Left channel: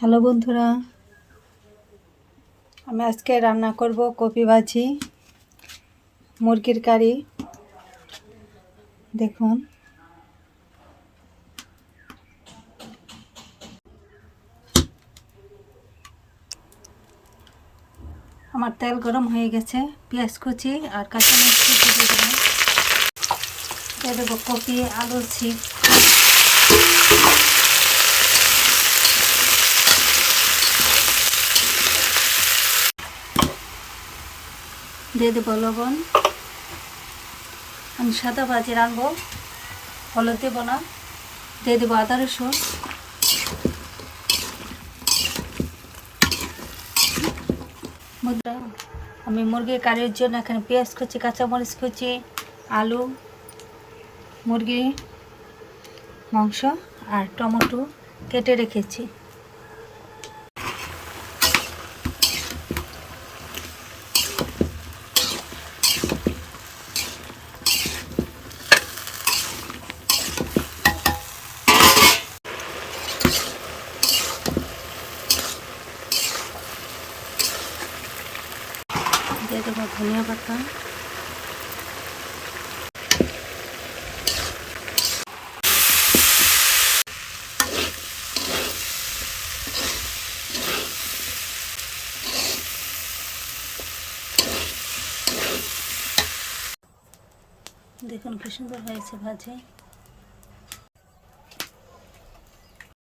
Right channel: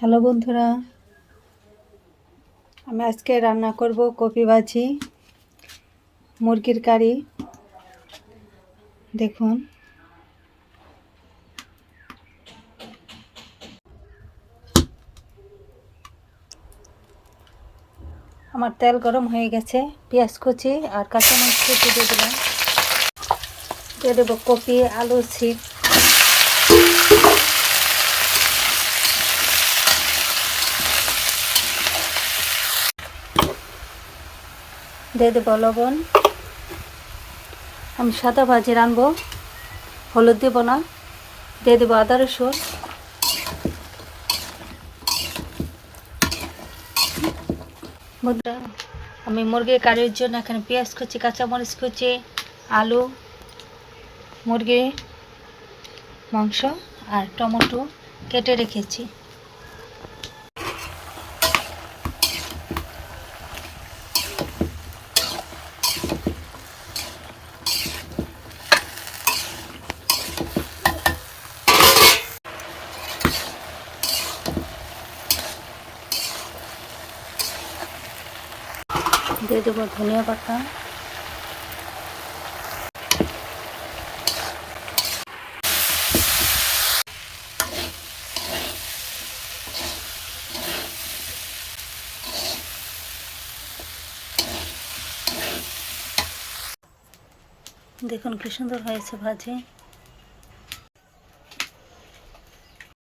Hello বন্ধুরা, আমি আজকে রান্না করব কপি ভাজি, মুরগির কারি। দেখুন, আমার তেল গরম হয়ে গেছে। পেঁয়াজ কুচি আর কাঁচামরিচ কুচি দিয়ে দিলাম। দিয়ে দেবো কপি, আলু চিপস, দিয়ে দেবো লবণ। আমি সাদা ভাজি রানবো, হলুদ দেবো না। দিয়ে দেবো আদা রসুন। আমি মুরগির কারির জন্য এখানে পেঁয়াজ কুচি, কাঁচামরিচ কুচি, আলু, মুরগি মাংস আর টমেটো কেটে রেখেছি। দিয়ে দেবো ধনিয়া পাতা, দেখুন কি সুন্দর হয়েছে ভাজি।